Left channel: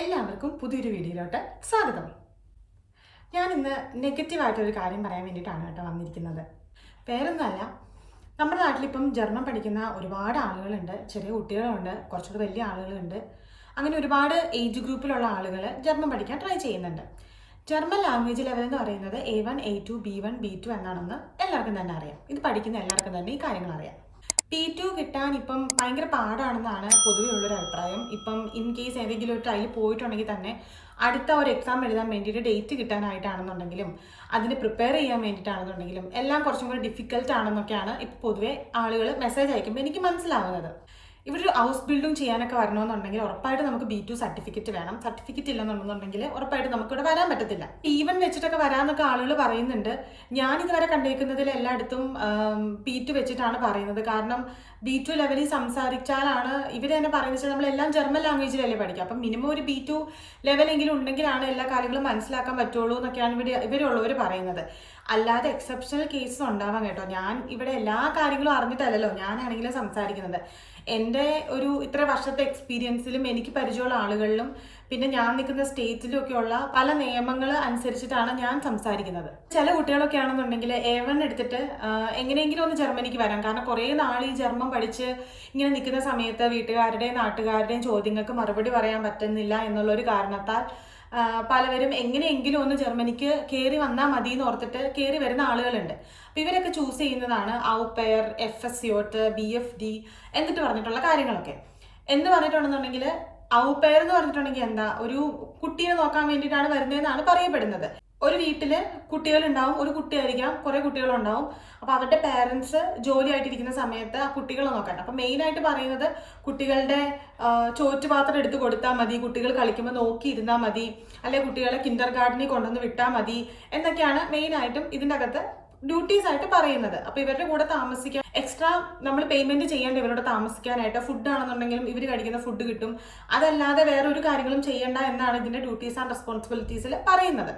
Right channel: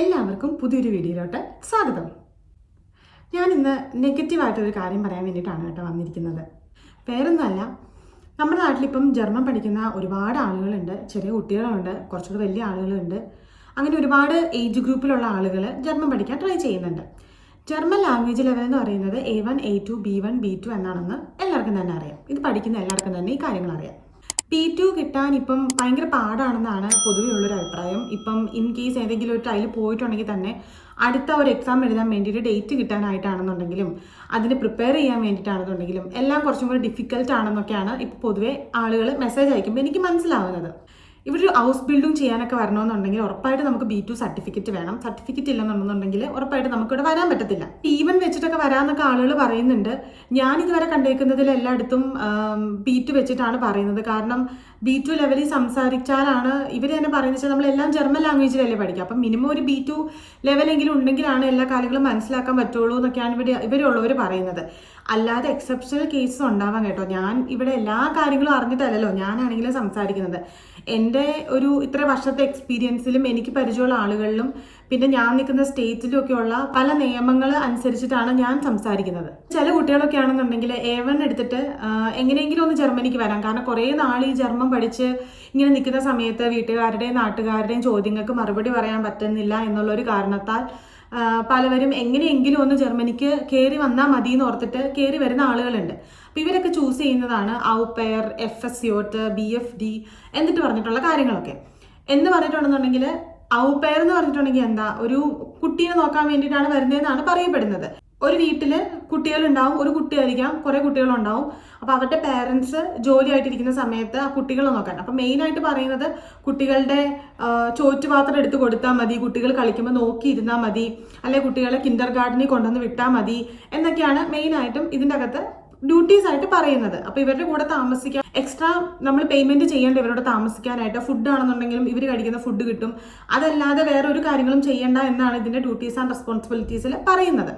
എല്ലാവർക്കും പുതിയൊരു വീഡിയോയിലോട്ട് സ്വാഗതം. ഞാൻ ഇന്ന് നെഗറ്റീവായിട്ടൊരു കാര്യം പറയാൻ വേണ്ടിയിട്ടാണ് വന്നിരിക്കുന്നത്. വേറൊന്നുമല്ല, നമ്മുടെ നാട്ടിലിപ്പം ജർമ്മൻ പഠിക്കുന്ന ഒരുപാട് ആളുകളുണ്ട്. ചെറിയ കുട്ടികളുണ്ട്, കുറച്ചുകൂടി വലിയ ആളുകളുണ്ട്. അങ്ങനെ ഒരുപാട് ഏജ് ഗ്രൂപ്പിലുള്ള ആളുകൾ ജർമ്മൻ പഠിക്കാൻ ട്രൈ ചെയ്യുന്നുണ്ട്. ജർമ്മൻ ലാംഗ്വേജ് ലെവൽ എന്ന് പറയുന്നത് A1, A2, B1, B2 എന്നാണെന്ന് എല്ലാവർക്കും തന്നെ അറിയാം. ഇത് പഠിക്കുന്ന എല്ലാവർക്കും തന്നെ ഈ കാര്യങ്ങൾ അറിയാം. P2 കിട്ടാൻ ഇപ്പം ഭയങ്കര പാടാണെന്നാണ് പൊതുവെ ഉള്ളൊരു അഭിപ്രായം. ഇപ്പം ഇൻ കേസ് ഏതെങ്കിലും ഒരു ട്രയൽ പോയിട്ടുണ്ടെങ്കിൽ തന്നെ അടുത്ത ഒരു എക്സാം എഴുതാൻ വേണ്ടിയിട്ട് ഡേറ്റ് കിട്ടാനായിട്ടാണെന്നുണ്ടെങ്കിലും അതിന് പ്രിപ്പയർ ചെയ്യാൻ വേണ്ടിയിട്ടാണെന്നുണ്ടെങ്കിലും എല്ലാം കുറച്ചും കൂടി ഡിഫിക്കൽട്ട് ആണെന്നൊക്കെയാണ് ഇപ്പോൾ പൊതുവെ ആളുകൾ മെസ്സേജ് അയക്കുമ്പോൾ എനിക്ക് മനസ്സിലാവുന്നത്. ഇവിടെ ഒരു ഹൗസ് ബിൽഡിംഗ് ചെയ്യാനൊക്കെ വരണമെന്നുണ്ടെങ്കിൽ ഉറപ്പായിട്ട് നമുക്ക് B2 സർട്ടിഫിക്കറ്റ് വേണം. സർട്ടിഫിക്കറ്റ് ഇല്ലെന്നുണ്ടെന്നുണ്ടെങ്കിൽ ഉറപ്പായിട്ട് നമുക്കിവിടെ വരാൻ പറ്റത്തില്ല. ഈവൻ വെച്ചിട്ടൊക്കെ വരാമെന്നൊക്കെ ആളുകൾ പറയുന്നുണ്ട്. ഞാനിതുവരെ കണ്ടേക്കുന്നതിൽ എല്ലായിടത്തും B2 വെച്ചിട്ടാണ് പറയുന്നത്. കാരണം B2 ലെവലിൽ സംസാരിച്ചാലാണ് ഇവർ തന്നെ പറയുന്നത് വെച്ചാൽ നമ്മളെല്ലാം ജർമ്മൻ ലാംഗ്വേജിലല്ലേ പഠിക്കുക. അപ്പം മിനിമം ഒരു B2 ലെവലെങ്കിലും ഉണ്ടെങ്കിലാണ് എല്ലാ കാര്യങ്ങളും മനസ്സിലാക്കാൻ പറ്റുള്ളൂ എന്നൊക്കെയാണ് ഇവരുള്ളവർ പറയുന്നത്. അല്ലാതെ എക്സെപ്ഷണൽ കേസസ് ഉണ്ടാവാൻ കേട്ടോ. ഞാൻ ഇവിടെ എല്ലാ കാര്യങ്ങളും അറിഞ്ഞിട്ടല്ലല്ലോ ഞാനാണെങ്കിലും സംസാരിക്കുന്നത്. എൻ്റെ ഒരു ഇത്ര വർഷത്തെ എക്സ്പീരിയൻസിലും എനിക്ക് പരിചയമുള്ള ആളുകളിലും പിന്നെ ഞാൻ നിൽക്കുന്ന സ്റ്റേറ്റിലും ഒക്കെയുള്ള പല നിയമങ്ങൾ അനുസരിച്ചിട്ടാണ് ഞാൻ സംസാരിക്കുന്നത്. ചില കുട്ടികളൊക്കെ ആണെന്നുണ്ടെങ്കിൽ A1 എടുത്തിട്ട് എങ്ങനെയെങ്കിലും ഒന്ന് ജർമ്മനിക്ക് വരാം. കാരണം കുറേ നാൾ ഈ ജർമ്മൻ പഠിച്ച് ഇങ്ങനെ നിൽക്കുന്ന സമയത്ത് വീട്ടുകാരുടെയും നാട്ടുകാരുടെയും ചോദ്യങ്ങൾക്ക് മറുപടി പറയാൻ പറ്റുന്നില്ല എന്നുള്ളൊരു കാരണത്താൽ പലവരും എങ്ങനെയെങ്കിലും ഒന്ന് ജർമ്മനിക്ക് കയറി വന്നാൽ മതി എന്ന് ഓർത്തിട്ട് കയറി വരുന്ന ആളുകളുണ്ട്. അപ്പോൾ ഇവരൊക്കെ ചൂസ് ചെയ്യുന്നതാണ് ഔപെയർ, FSJ, BFD എന്നിട്ട് പറഞ്ഞിട്ടുള്ള കാര്യങ്ങളൊക്കെ. എന്ന് പറഞ്ഞിട്ടുണ്ടെന്നുണ്ടെങ്കിൽ ഔപെയർ എന്ന് പറഞ്ഞിട്ടുണ്ടെങ്കിൽ എന്താ, ഒരു കുട്ടിയെ നോക്കാൻ വേണ്ടിയിട്ടാണ് വരുന്നതെന്നാണ് പറയപ്പെടുന്നത്. ഒരു വീട്ടിൽ കുട്ടികളുണ്ടാവും, ഒരു കുട്ടിയായിരിക്കാം, കുറേ കുട്ടികളുണ്ടാവും. അപ്പോൾ അവരുടെ പേരൻസ് ജോലിയായിട്ടിരിക്കുന്ന സമയത്ത് ആ കുട്ടികളെ നോക്കാൻ. അപ്പം മെയിനായിട്ട് പറയുന്നത് കുട്ടികളുടെ ചോറ്റുപാത്രം എടുത്ത് കൊടുത്താൽ മതി, കുട്ടികൾ കളിക്കുമ്പോൾ നോക്കിയിരുന്നാൽ മതി, അല്ലെങ്കിൽ കുട്ടികളെ കിൻഡർ ഗാർഡനിൽ കൊണ്ടുവന്ന് വിട്ടാൽ മതി എന്നൊക്കെയാണ് മെയിനായിട്ടും ഇതിൻ്റെ അകത്ത് ഡ്യൂട്ടീസ് ആയിട്ട് പറയുന്നത്. അപ്പോൾ ഇവരുടെ കൂടെ താമസിക്കാൻ എക്സ്ട്രാ നമ്മൾ പേയ്മെന്റ് ചെയ്യേണ്ട ഇവരോട് താമസിക്കാനായിട്ട്. ഫുഡ് ആണെന്നുണ്ടെങ്കിലും ഇവർ കഴിക്കുന്ന ഫുഡ് കിട്ടും. അതല്ലാതെ വേറെ ഒരു കാര്യങ്ങളും ചെയ്യേണ്ട എന്നാണ് ഇതിന്റെ ഡ്യൂട്ടീസ് ആൻഡ് റെസ്പോൺസിബിലിറ്റീസിൽ പറയുന്നത്.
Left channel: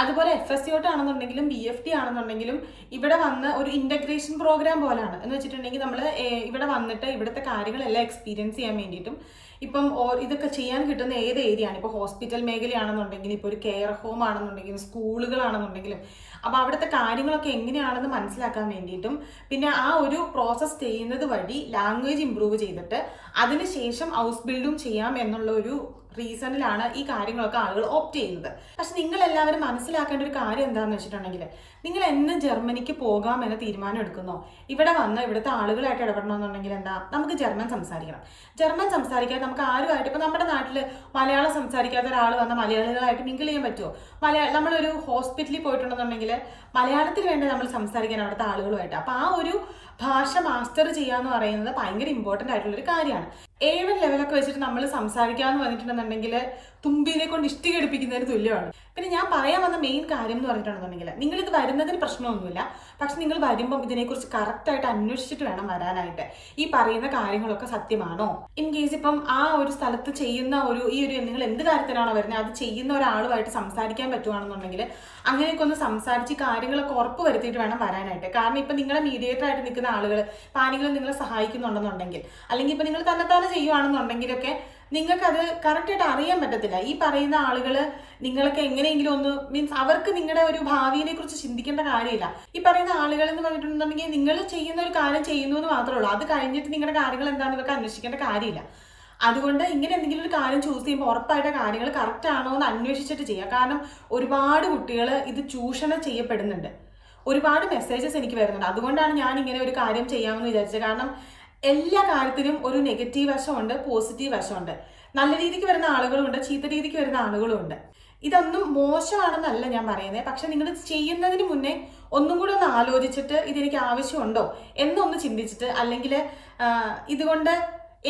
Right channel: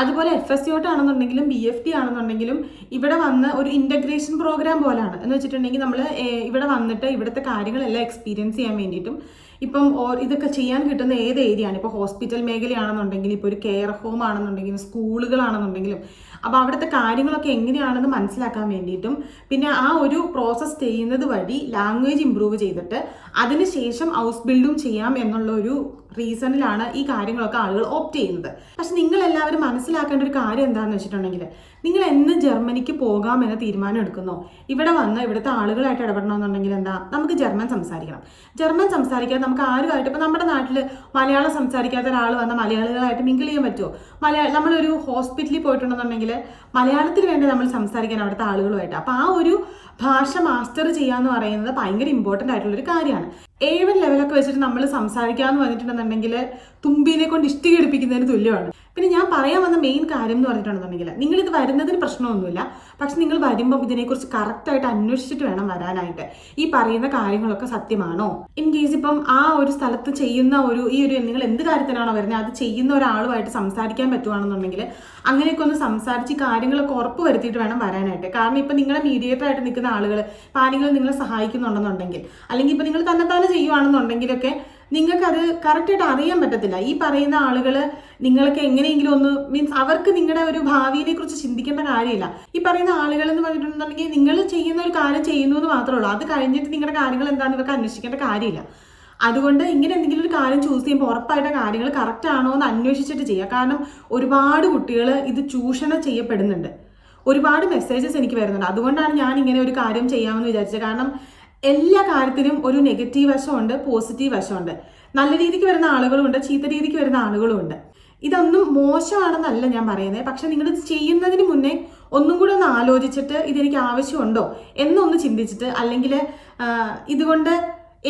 അതുപോലെ FSJ ആണെന്നുണ്ടെങ്കിലും BFD ആണെന്നുണ്ടെങ്കിലും ഇവിടെ വന്ന് ഒരു ഇന്റഗ്രേഷൻ പ്രോഗ്രാം പോലെയാണ്. എന്ന് വെച്ചിട്ടുണ്ടെങ്കിൽ നമ്മൾ ഇവിടെ വന്നിട്ട് ഇവിടുത്തെ കാര്യങ്ങളെല്ലാം എക്സ്പീരിയൻസ് ചെയ്യാൻ വേണ്ടിയിട്ടും ഇപ്പം ഇതൊക്കെ ചെയ്യാൻ കിട്ടുന്ന ഏത് ഏരിയയാണ്. ഇപ്പോൾ ഹോസ്പിറ്റൽ മേഖലയാണെന്നുണ്ടെങ്കിൽ, ഇപ്പോൾ ഒരു കെയർ ഹോം ആണെന്നുണ്ടെങ്കിലും, സ്കൂളുകളാണെന്നുണ്ടെങ്കിലും, അപ്പോൾ അവിടുത്തെ കാര്യങ്ങളൊക്കെ എങ്ങനെയാണെന്ന് മനസ്സിലാക്കാൻ വേണ്ടിയിട്ടും പിന്നെ ആ ഒരു പ്രോസസ്സ് ചെയ്യുന്നത് വഴി ലാംഗ്വേജ് ഇമ്പ്രൂവ് ചെയ്തിട്ട് അതിനുശേഷം ഹൗസ് ബിൽഡും ചെയ്യാം എന്നുള്ള ഒരു റീസണിലാണ് ഈ കാര്യങ്ങളൊക്കെ ആളുകൾ ഓപ്റ്റ് ചെയ്യുന്നത്. പക്ഷെ നിങ്ങളെല്ലാവരും മനസ്സിലാക്കേണ്ട ഒരു കാര്യം എന്താണെന്ന് വെച്ചിട്ടുണ്ടെങ്കിൽ, നിങ്ങൾ എന്ന് ജർമ്മനിക്ക് പോകാമെന്ന് തീരുമാനം എടുക്കുന്നോ ഇവിടെ വന്ന് ഇവിടുത്തെ ആളുകളായിട്ട് ഇടപെടണമെന്നുണ്ടെങ്കിൽ എന്താ, നമുക്ക് ജർമ്മൻ സംസാരിക്കണം. ജർമ്മൻ സംസാരിക്കാൻ നമുക്ക് ആരുമായിട്ട്, ഇപ്പോൾ നമ്മുടെ നാട്ടിൽ മലയാളം സംസാരിക്കാത്ത ഒരാൾ വന്ന മലയാളികളായിട്ട് മിങ്കിൾ ചെയ്യാൻ പറ്റുമോ? നമ്മളൊരു ഹോസ്പിറ്റലിൽ പോയിട്ടുണ്ടെന്നുണ്ടെങ്കിൽ മലയാളത്തിൽ വേണ്ടി നമ്മൾ സംസാരിക്കാൻ അവിടുത്തെ ആളുകളുമായിട്ട്. അപ്പോൾ ആ ഒരു ഭാഷ മാസ്റ്റർ ചെയ്യാന്ന് പറയുന്നത് ഭയങ്കര ഇമ്പോർട്ടൻ്റ് ആയിട്ടുള്ളൊരു കാര്യമാണ്. A1 ലെവലൊക്കെ വെച്ചിട്ട് നമ്മൾ സംസാരിക്കാമെന്ന് പറഞ്ഞിട്ടുണ്ടെന്നുണ്ടെങ്കിൽ തുമ്പിനെ കൊണ്ട് ഇഷ്ടിക എടുപ്പിക്കുന്നതിന് തുല്യമാണ്. പിന്നെ ഞാൻ പറയാൻ വന്ന മെയിൻ കാര്യം എന്ന് പറഞ്ഞിട്ടുണ്ടെന്നുണ്ടെങ്കിൽ, നിങ്ങളിത് വരുന്നതിന് പ്രശ്നമൊന്നുമില്ല. പക്ഷെ നിങ്ങൾ വരുമ്പം ഇതിനെക്കുറിച്ച് കറക്റ്റായിട്ട് അന്വേഷിച്ചിട്ട് വേണം വരാനായിട്ട്. ഈ പറയുന്ന കാര്യങ്ങളൊക്കെ സത്യമാണോ? ഇൻ കേസ് ഇപ്പം ആ ഒരു സ്ഥലത്ത് ചെയ്യുന്ന നിങ്ങൾ എന്ത് കാര്യത്തിനാണോ വരുന്നത് അത് ചെയ്യുന്ന ഒരാളുമായിട്ട് സംസാരിക്കാൻ പറ്റുവാണെന്നുണ്ടെങ്കിൽ അങ്ങനെയൊക്കെ ഒന്ന് സംസാരിച്ച് കാര്യങ്ങളൊക്കെ ഉറപ്പ് വരുത്തിയിട്ട് വേണം വരാനായിട്ട്. കാരണം ഇപ്പം നിങ്ങളെ മീഡിയേറ്റർ ആയിട്ട് നിൽക്കുന്ന ആളുകൾ ഇപ്പം ആരെങ്കിലും നിങ്ങളെ സഹായിക്കുന്നുണ്ടെന്നുണ്ടെങ്കിൽ, അല്ലെങ്കിൽ ഇപ്പം നിങ്ങൾ തന്നെ ചെയ്യുവാണെന്നുണ്ടെങ്കിലൊക്കെ നിങ്ങൾക്കത് കറക്റ്റായിട്ട് അറിയാൻ പറ്റത്തില്ല. ഈ പറയുന്ന ആളുകൾ നിങ്ങൾക്ക് എങ്ങനെയെങ്കിലും ഒന്ന് മീൻസ് അവർക്ക് നിങ്ങളുടെ ഒരു ഭാവിയെ കുറിച്ച് ചിന്തിക്കേണ്ട കാര്യമില്ല. ഈ പറയുന്ന ആളുകൾ എന്ന് പറഞ്ഞിട്ടുണ്ടെങ്കിൽ നിങ്ങൾ ചെയ്യുന്ന ഒരു കാര്യം ചെയ്യുന്നു എന്ന് മാത്രമേ ഉള്ളൂ. അത് കഴിഞ്ഞിട്ട് നിങ്ങളുടെ കാര്യങ്ങൾ എന്താണെന്ന് ഇവർക്ക് അന്വേഷിക്കേണ്ട കാര്യമില്ല. അതുകൊണ്ട് ഇങ്ങനെ എന്തെങ്കിലും ഒരു കാര്യം ചൂസ് ചെയ്യുമ്പോൾ ഉറപ്പായിട്ട് കാര്യങ്ങൾ കറക്റ്റ് ആണോ എന്ന് അന്വേഷിച്ചിട്ട് ചെയ്യുക. കാരണം ഒരുപാട് കുട്ടികൾ ഇത് ചൂഷണം ചെയ്യപ്പെടുന്നുണ്ട്. ഒരുപാട് മെസ്സേജസ് എനിക്ക് വരുന്നുണ്ട്. അതുകൊണ്ടാണ് ഞാൻ ഇങ്ങനെ ഒരു കാര്യം ചെയ്യാമെന്ന് വിചാരിച്ചത്. കാരണം എല്ലാ കാര്യത്തിനും ഒരു നെഗറ്റീവ് വശമുണ്ട്, പോസിറ്റീവ് വശമുണ്ട്. നല്ല രീതിക്ക് വരുന്ന ആളുകളുണ്ട്, ചീത്ത രീതിക്ക് വരുന്ന ആളുകളുമുണ്ട്. ഇതൊന്നും മോശമാണെന്നല്ല ഞാൻ പറയുന്നത്. പക്ഷെ നിങ്ങളിത് ചെയ്യുന്നതിന് മുന്നേ ഒന്നും കൂടെ ഒന്ന് ആലോചിച്ചിട്ട് ഇതെനിക്ക് ആവശ്യമുണ്ടോ എന്നൊന്ന് ചിന്തിച്ചിട്ട്, അല്ലെങ്കിൽ ഇതുകൊണ്ട്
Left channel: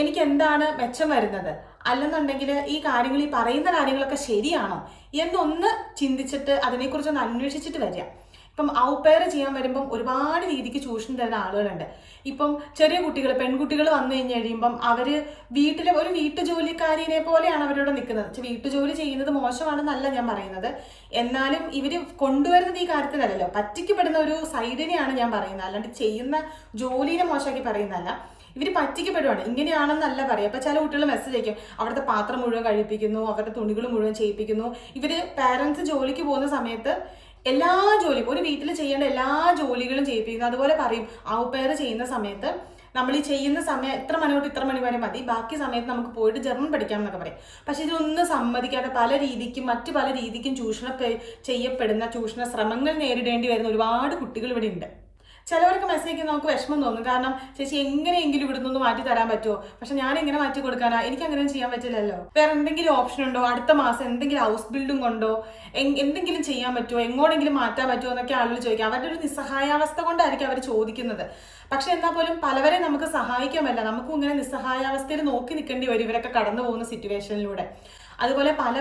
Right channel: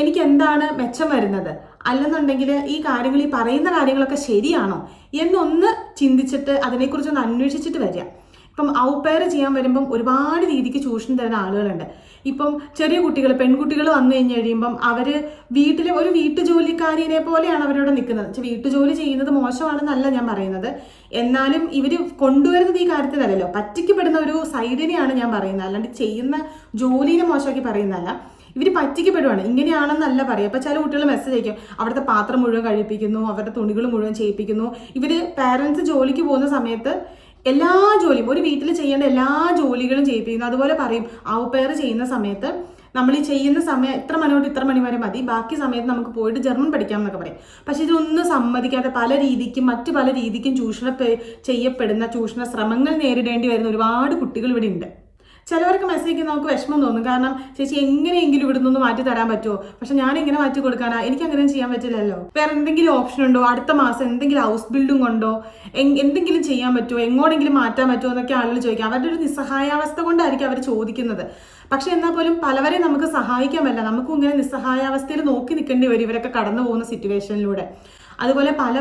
എനിക്ക് എന്താണ് മെച്ചം വരുന്നത്, അല്ലെന്നുണ്ടെങ്കിൽ ഈ പറയുന്ന കാര്യങ്ങളൊക്കെ ശരിയാണോ എന്നൊന്ന് ചിന്തിച്ചിട്ട് അതിനെക്കുറിച്ചൊന്ന് അന്വേഷിച്ചിട്ട് വരിക. ഇപ്പം ഔപെയർ ചെയ്യാൻ വരുമ്പം ഒരുപാട് രീതിക്ക് ചൂഷണം തരുന്ന ആളുകളുണ്ട്. ഇപ്പം ചെറിയ കുട്ടികൾ, പെൺകുട്ടികൾ വന്നു കഴിഞ്ഞ് കഴിയുമ്പം അവർ വീട്ടിലെ ഒരു വീട്ടുജോലിക്കാരിനെ പോലെയാണ് അവരോട് നിൽക്കുന്നത്. വീട്ടുജോലി ചെയ്യുന്നത് മോശമാണെന്നല്ല ഞാൻ പറയുന്നത്. എന്നാലും ഇവർ കൊണ്ടുവരുന്നത് ഈ കാര്യത്തിലല്ലല്ലോ, പറ്റിക്കപ്പെടുന്ന ഒരു സൈഡിനെയാണ് ഞാൻ പറയുന്നത്. അല്ലാണ്ട് ചെയ്യുന്ന ജോലിനെ മോശമാക്കി പറയുന്നതല്ല. ഇവർ പറ്റിക്കപ്പെടുവാണ്. ഇങ്ങനെയാണെന്നല്ല പറയുക. അപ്പോൾ ചില കുട്ടികൾ മെസ്സേജ് അയക്കും, അവിടുത്തെ പാത്രം മുഴുവൻ കഴിപ്പിക്കുന്നു, അവരുടെ തുണികൾ മുഴുവൻ ചെയ്യിപ്പിക്കുന്നു. ഇവർ പാരൻസ് ജോലിക്ക് പോകുന്ന സമയത്ത് എല്ലാ ജോലിയും, ഒരു വീട്ടിൽ ചെയ്യേണ്ട എല്ലാ ജോലികളും ചെയ്യിപ്പിക്കുന്നു. അതുപോലെ പറയും, ഔപെയർ ചെയ്യുന്ന സമയത്ത് നമ്മൾ ഈ ചെയ്യുന്ന സമയം ഇത്ര മണി തൊട്ട് ഇത്ര മണി വരെ മതി, ബാക്കി സമയത്ത് നമുക്ക് പോയിട്ട് ജർമ്മൻ പഠിക്കാം എന്നൊക്കെ പറയും. പക്ഷെ ഇതൊന്നും സമ്മതിക്കാതെ മറ്റു പല രീതിക്കും ചെയ്യപ്പെടുന്ന ചൂഷണ ശ്രമങ്ങൾ നേരിടേണ്ടി വരുന്ന ഒരുപാട് കുട്ടികൾ ഇവിടെ ഉണ്ട്. ചിലവർക്ക് മെസ്സേജ് നമുക്ക് വിഷമം തോന്നും. കാരണം ചേച്ചി എങ്ങനെയെങ്കിലും ഇവിടെ നിന്ന് മാറ്റി തരാൻ പറ്റുമോ? പക്ഷെ ഞാൻ എങ്ങനെ മാറ്റി കൊടുക്കാനാ? എനിക്ക് അങ്ങനെ ചെയ്യാൻ പറ്റില്ലല്ലോ. വേറെ എന്തെങ്കിലും ഓപ്ഷൻ ഉണ്ടോ? അടുത്ത മാസം എന്തെങ്കിലും ഹൗസ് ബിൽഡിംഗ് ഉണ്ടോ? എന്തെങ്കിലും ചെയ്യാൻ പറ്റുമോ? എങ്ങോട്ടെങ്കിലും മാറ്റാൻ പറ്റുമോ എന്നൊക്കെ ആളുകൾ ചോദിക്കാം. അവരുടെ ഒരു നിസ്സഹായാവസ്ഥ കൊണ്ടായിരിക്കും അവർ ചോദിക്കുന്നത്. പക്ഷെ എന്നാൽ പോലും പലവരെ നമുക്ക് സഹായിക്കാൻ പറ്റില്ല. നമുക്കും ഇങ്ങനെ നിസ്സഹായാവസ്ഥയിൽ നോക്കി നിൽക്കേണ്ടി വരും ഇവരൊക്കെ കടന്നു പോകുന്ന സിറ്റുവേഷനിലൂടെ. അതുപോലെ പല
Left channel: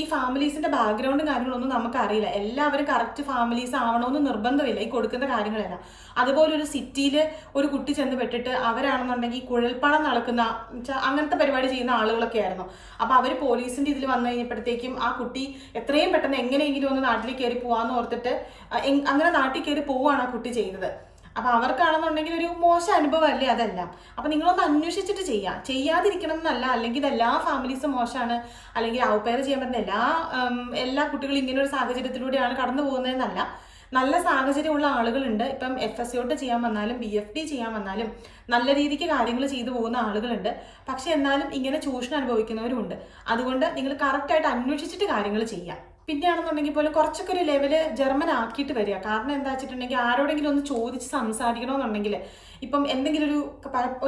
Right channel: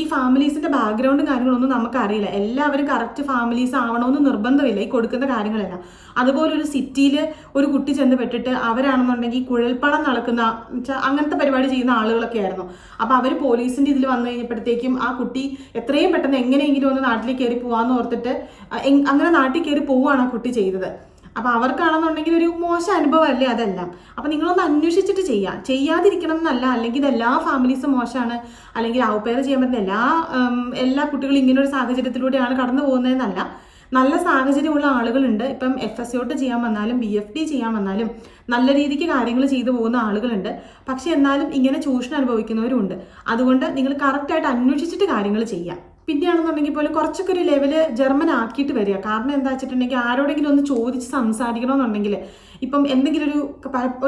ഈ ഫാമിലീസിന്റെ ബാക്ക്ഗ്രൗണ്ടും കാര്യങ്ങളൊന്നും നമുക്കറിയില്ല. എല്ലാവരും കറക്റ്റ് ഫാമിലീസ് ആവണമെന്ന് നിർബന്ധമില്ല ഈ കൊടുക്കുന്ന കാര്യങ്ങളെല്ലാം. അതുപോലെ ഒരു സിറ്റിയിൽ ഒരു കുട്ടി ചെന്ന് പെട്ടിട്ട് അവരാണെന്നുണ്ടെങ്കിൽ കുഴൽപ്പണം നടക്കുന്ന അങ്ങനത്തെ പരിപാടി ചെയ്യുന്ന ആളുകളൊക്കെ ആയിരുന്നു. അപ്പോൾ അവർ പോലീസിന്റെ ഇതിൽ വന്നു കഴിഞ്ഞപ്പോഴത്തേക്കും ആ കുട്ടി എത്രയും പെട്ടെന്ന് എങ്ങനെയെങ്കിലും ഒന്ന് നാട്ടിലേക്ക് കയറി പോവാന്ന് ഓർത്തിട്ട് അങ്ങനെ നാട്ടിൽ കയറി പോവുകയാണ് ആ കുട്ടി ചെയ്തത്. അപ്പോൾ അവർക്കാണെന്നുണ്ടെങ്കിൽ ഒരു മോശം അനുഭവമല്ലേ അതെല്ലാം. അപ്പോൾ നിങ്ങളൊന്ന് അന്വേഷിച്ചിട്ട് ചെയ്യാതിരിക്കണം എന്നല്ല. അല്ലെങ്കിൽ ഇതെല്ലാ ഫാമിലീസും മോശമാണ്, അല്ലെങ്കിൽ ഔപെയർ ചെയ്യാൻ പറ്റുന്ന എല്ലാ കുട്ടികളും ഇങ്ങനെ ഒരു സാഹചര്യത്തിലൂടെയാണ് കടന്നു പോകുന്നതെന്നല്ല. നല്ല സാഹചര്യമുള്ള ആളുകളുണ്ട്. ഇപ്പം FSCOT ചെയ്യാൻ വന്നാലും BFD ചെയ്യാൻ വന്നാലും നല്ല രീതിക്ക് കാര്യങ്ങൾ ചെയ്തു പോകുന്ന ആളുകളുണ്ട്. പക്ഷെ എന്നാലും ഇങ്ങനെ ചൂഷണം അനുഭവിക്കുന്നവരുമുണ്ട്. അതുകൊണ്ട് നിങ്ങൾ കറക്റ്റായിട്ട് അന്വേഷിച്ചിട്ട് കാര്യങ്ങൾ ചെയ്യാം. പിന്നെയാണെന്നുണ്ടെങ്കിൽ പോലും കുറച്ചൊക്കെ ഒരു ലെവല് ജർമ്മൻ ആക്കിയിട്ട് വരിക. കാരണം എന്താ വെച്ചിട്ടുണ്ടെങ്കിൽ ആരോടെങ്കിലും ഒന്ന് ചോദിച്ച് സംസാരിക്കണമെന്നുണ്ടെങ്കിൽ, ഇപ്പം എന്തെങ്കിലും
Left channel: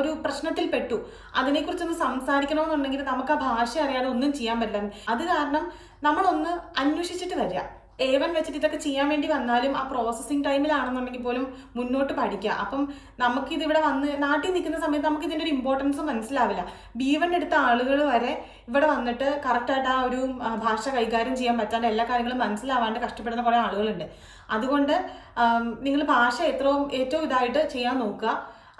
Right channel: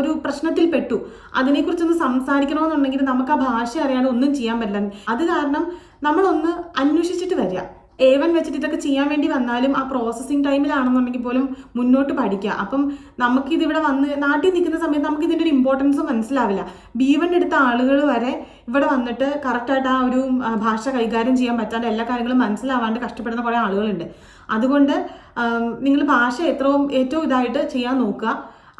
ഒരു പ്രശ്നത്തിൽ പെട്ടു, അതിനെക്കുറിച്ചൊന്ന് സംസാരിക്കണമെന്നുണ്ടെങ്കിൽ നമുക്ക് ആ ഭാഷ അറിയാതെ ഒന്നും ചെയ്യാൻ പറ്റില്ല. അത് കാരണം നമ്മളൊന്ന് അന്വേഷിച്ചിട്ട് വരിക. A1 വെച്ചിട്ട് ഇതൊക്കെ ചെയ്യാൻ വേണ്ടി വന്നാലും ആ പ്രോസസ്സിങ് ടൈമിലാണെന്നുണ്ടെങ്കിൽ പോലും മുന്നോട്ട് പഠിക്കുക. അപ്പം നമുക്കിതിവിടെ വന്ന് നാട്ടിൽ നിൽക്കുന്ന സമയത്ത് നമുക്ക് ഇതിൻ്റെ ഒരു ഇമ്പോർട്ടൻസ് മനസ്സിലാവില്ല. B1 എടുത്ത ആളുകൾ വരെ ഇവിടെ വന്നിട്ട് കറക്റ്റായിട്ട് ആ ഒരു ഭാഷ കൈകാര്യം ചെയ്യാൻ പറ്റാണ്ട് എല്ലാ കാര്യങ്ങളും മനസ്സിലാവാണ്ട് കഷ്ടപ്പെടുന്ന കുറേ ആളുകളുണ്ട്. അതുകൊണ്ട് നിങ്ങൾ ഭാഷ ഏറ്റവും ഇതായിട്ട് ചെയ്യാൻ നോക്കുക.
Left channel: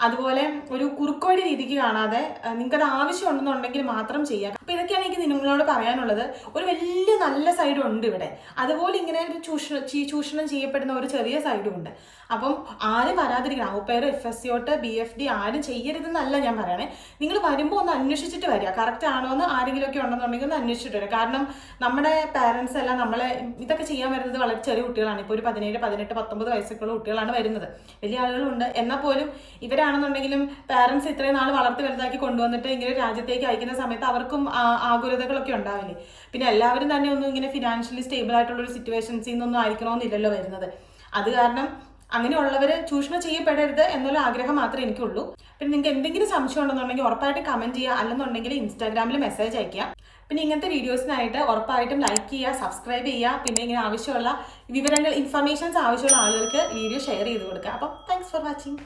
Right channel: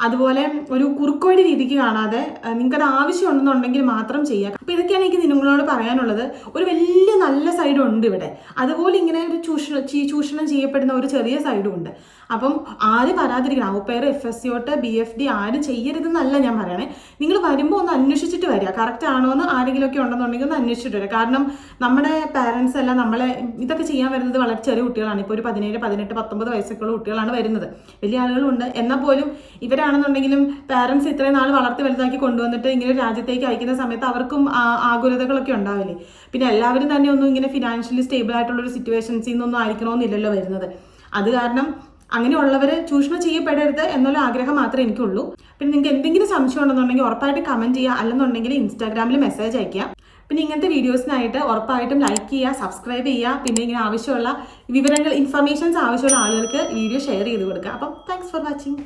അതുപോലെ ഒരു കുറുക്കുവഴി രീതിക്ക് കാണാതെ നിങ്ങൾക്കത് ആവശ്യമുണ്ടെന്നുണ്ടെങ്കിൽ മാത്രം ചെയ്യുക. അപ്പോൾ ഇതൊക്കെയാണ് എനിക്ക് നിങ്ങളോട് പറയാനുള്ളത്. ഒരു വലിയ നല്ല സൈഡും ഉണ്ട് ഇവിടെ. അതുപോലെ ഇങ്ങനെ ഒരു ചൂഷണം ചെയ്യപ്പെടുന്ന ഒരു ചെറിയ സൈഡും ഉണ്ട്. അപ്പം ആരും വരാതിരിക്കണം. ഔപെയർ FSCOT BFD ആരും ചെയ്യരുതെന്നല്ല ഞാൻ പറയണേ. നിങ്ങൾ വരുമ്പോൾ ഒന്ന് അന്വേഷിച്ചിട്ട് വരിക. കറക്റ്റ് ആണോ എന്ന് ആരെങ്കിലുമൊക്കെ ഉണ്ടെന്നുണ്ടെങ്കിൽ ഒന്ന് അന്വേഷിച്ചിട്ട് വരിക. കാരണം നമ്മുടെ പാരൻസ് എല്ലാം നമ്മളെ ഇതൊക്കെ ചെയ്യാൻ വരുന്നത് വളരെ ചെറിയ കുട്ടികളാണ്. ഇപ്പോൾ ഒരു 17, 18, 19 വയസ്സൊക്കെയുള്ള കുട്ടികളാണ് വരുന്നത്. വലിയ ആളുകളുണ്ട്. എന്നാൽ പോലും ഇവരാണെന്നുണ്ടെങ്കിലും പാരൻസ് ഇത്രയും നാൾ വളർത്തി വലുതാക്കി കൊണ്ടുവന്നിട്ട് ഇങ്ങനെ രാജ്യത്തേക്ക് അയക്കുന്ന സമയത്ത് അവർക്കും ആകുലതകളൊക്കെ ഉണ്ടാവില്ലേ. പിന്നെ എല്ലാവരും തന്നെ ഒന്നും ഇങ്ങനെ ഫിനാൻഷ്യലി സ്റ്റേബിൾ ആയിട്ടുള്ളൊരു സിറ്റുവേഷൻസിൽ നിന്നൊന്നും ആയിരിക്കണമെന്നില്ലല്ലോ വരുന്നത്. അത് കാരണം അങ്ങനെയുള്ളവർ ചൂഷണം ചെയ്യപ്പെടരുത് എന്നുള്ള ആഗ്രഹം മാത്രമേ എനിക്കുള്ളൂ. പിന്നെ നിങ്ങൾക്ക് എന്തെങ്കിലും സംശയം ഉണ്ടെന്നുണ്ടെങ്കിൽ ഉറപ്പായിട്ട് കമൻറ്റ് ചെയ്യുക. അല്ലെന്നുണ്ടെങ്കിൽ ഇൻസ്റ്റാഗ്രാമിൽ മെസ്സേജ് അയയ്ക്കുക. പിന്നെ ഇങ്ങനത്തെ വീഡിയോസിനായിട്ട് ഉറപ്പായിട്ടും ലൈക്ക് ചെയ്യുക, സബ്സ്ക്രൈബ് ചെയ്യുക. പിന്നെ ഇങ്ങനെ ആവശ്യമുള്ള ഇൻഫർമേഷൻസ് ആവശ്യമുള്ള ആളുകൾക്ക് വീഡിയോ ഷെയർ ചെയ്ത് കൊടുക്കുക. അപ്പം താങ്ക്സ് ഫോർ വാച്ചിങ്.